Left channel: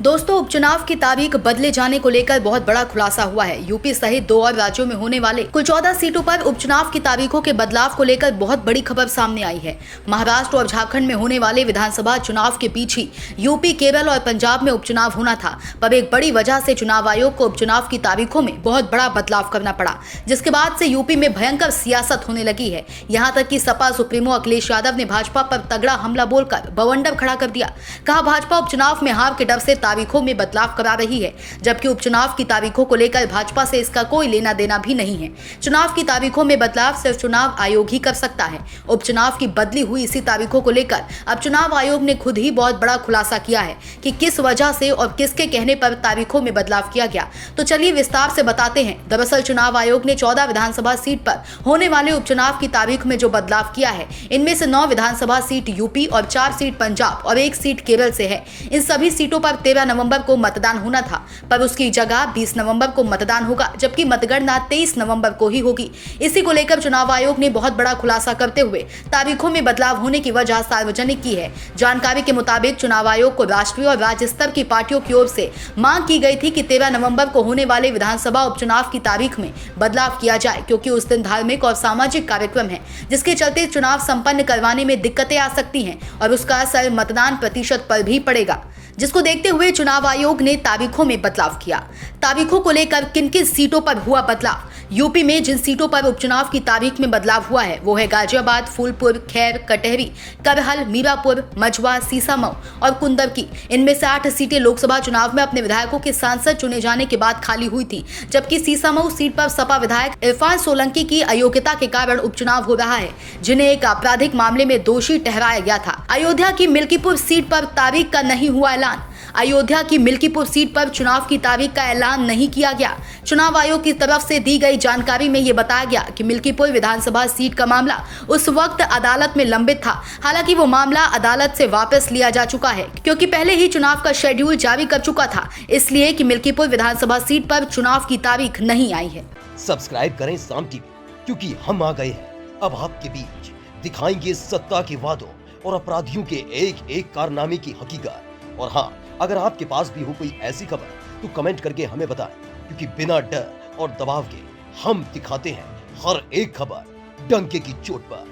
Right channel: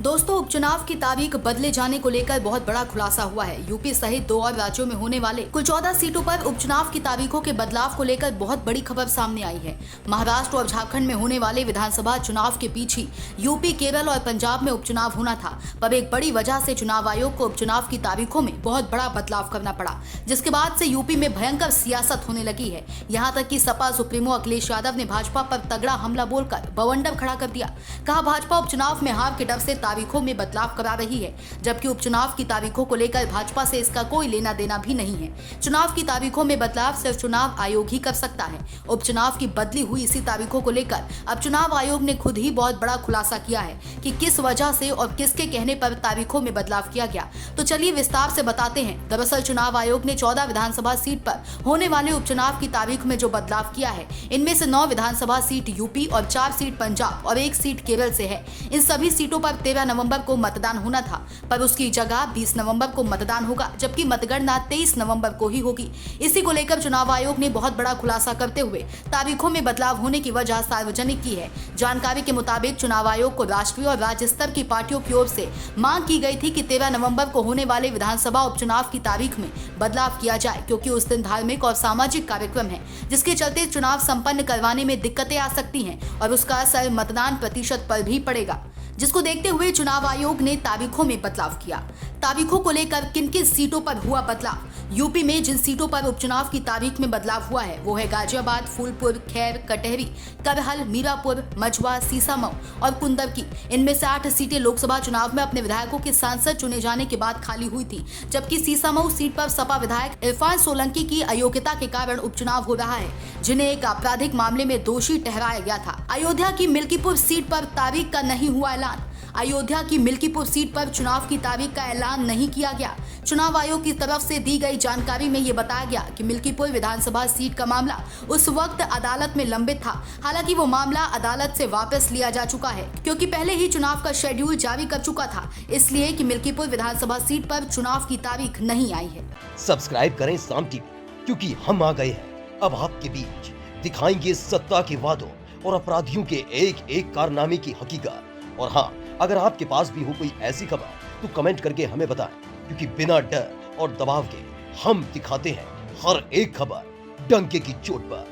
दोस्तों, उपचुनाव की तारीख बदले जाने को लेकर बहुत बड़ा खुलासा हुआ है। यूपी सहित 2 और राज्यों में होने वाले कुल 14 सीटों पर उपचुनाव की तारीखों के बदलाव को लेकर बहुत बड़ी खबर सामने आई है। महाराष्ट्र और झारखंड में होने वाले विधानसभा चुनाव के बीच ही यूपी, केरल और पंजाब में उपचुनाव होना था, पर एक बड़ी वजह से चुनाव आयोग को उपचुनाव की तारीखों में बहुत बड़ा बदलाव करना पड़ा, जिसके बाद से यूपी में भयंकर सियासत होने लगी है। यहाँ तक कि सपा सुप्रीमो अखिलेश यादव ने भाजपा पर तगड़ा हमला बोलकर बवंडर खड़ा कर दिया। कहा, भाजपा उपचुनाव में हार के डर से तारीखों में बदलाव करा रही है, जबकि उपचुनाव की तारीखों को लेकर भाजपा से इसका कोई लेना देना भी नहीं है। चुनाव की तारीखों में बदलाव सिर्फ चुनाव आयोग ही कर सकता है। उपचुनाव की बदली हुई इसी तारीखों को लेकर अब चुनाव आयोग ने खुद ही बहुत बड़ा खुलासा किया है कि किस वजह से और किसके कहने पर तारीखों में बदलाव किया गया। तो चलिए विस्तार से बताते हैं। दरअसल चुनाव आयोग ने 14 विधानसभा सीट पर होने वाले उपचुनाव की तारीख में जो बदलाव किया है, इनमें से 9 विधानसभा सीट यूपी और 4 सीट पंजाब और 1 सीट केरल से है। इन सभी सीटों पर 13 नवंबर को मतदान होना था, पर उसकी जगह 20 नवंबर को मतदान होगा, जबकि मतगणना 23 नवंबर को ही होगी। इसी को लेकर चुनाव आयोग ने बहुत बड़ा खुलासा करते हुए तारीखों में बदलाव होने की वजह सार्वजनिक की है। जानकारी के मुताबिक चुनाव आयोग को राष्ट्रीय और राज्य स्तर की पार्टियों की ओर से मांग की गई थी कि 13 नवंबर को होने वाले विधानसभा उपचुनाव की तारीख में बदलाव किया जाए, क्योंकि उस दिन धार्मिक और सामाजिक कार्यक्रम है, जिसके चलते चुनाव संपन्न करवाने में दिक्कतें आ सकती हैं और उसका असर मतदान प्रतिशत पर भी पड़ेगा, जिसको देखते हुए चुनाव आयोग ने तारीखों में बदलाव किया। तारीखों को लेकर किन किन सीटों पर हुआ बदलाव? यूपी में जिन सीटों पर उपचुनाव की तारीख में बदलाव हुआ है वो है गाजियाबाद, फूलपुर, खैर, कटहरी, करहल, मीरापुर, मझवा, सीसामऊ और कुंदरकी। इनमें से 8 सीटें लोकसभा चुनाव में अपने विधायकों के सांसद चुने जाने के बाद खाली हुई थी, जबकि सीसामऊ सीट पर सपा विधायक इरफान सोलंकी की अयोग्यता के कारण उपचुनाव हो रहा है, जिन्हें एक आपराधिक मामले में दोषी ठहराया गया था। अयोध्या की मिल्कीपुर सीट पर तारीख का नहीं हुआ ऐलान। अयोध्या की मिल्कीपुर सीट पर चुनाव की तारीख का ऐलान नहीं किया गया। चुनाव आयोग की तरफ से दी गई जानकारी में ये बताया गया कि मिल्कीपुर विधानसभा सीट का मामला उस वक्त अदालत में लंबित था। हालांकि वो मामला अदालत से वापस लिया जा चुका है, क्योंकि पहले ही चुनाव का शेड्यूल जारी कर चुका था, इसलिए कि मिल्कीपुर विधानसभा सीट पर चुनाव की तारीख नहीं आई है। सब्सक्राइब करें साम टीवी, क्योंकि हम आ गए हैं अब आपके बीच, दिखाएंगे सत्ता के वादों और अपराधियों के एक एक कारनामे की हकीकत। और हाँ, अगर आपके पास भी हो कोई ऐसी खबर तो कमेंट करके हमें बताएं, क्योंकि बिना डर और दबाव के हम दिखाते हैं हर एक खबर डंके की चोट पर।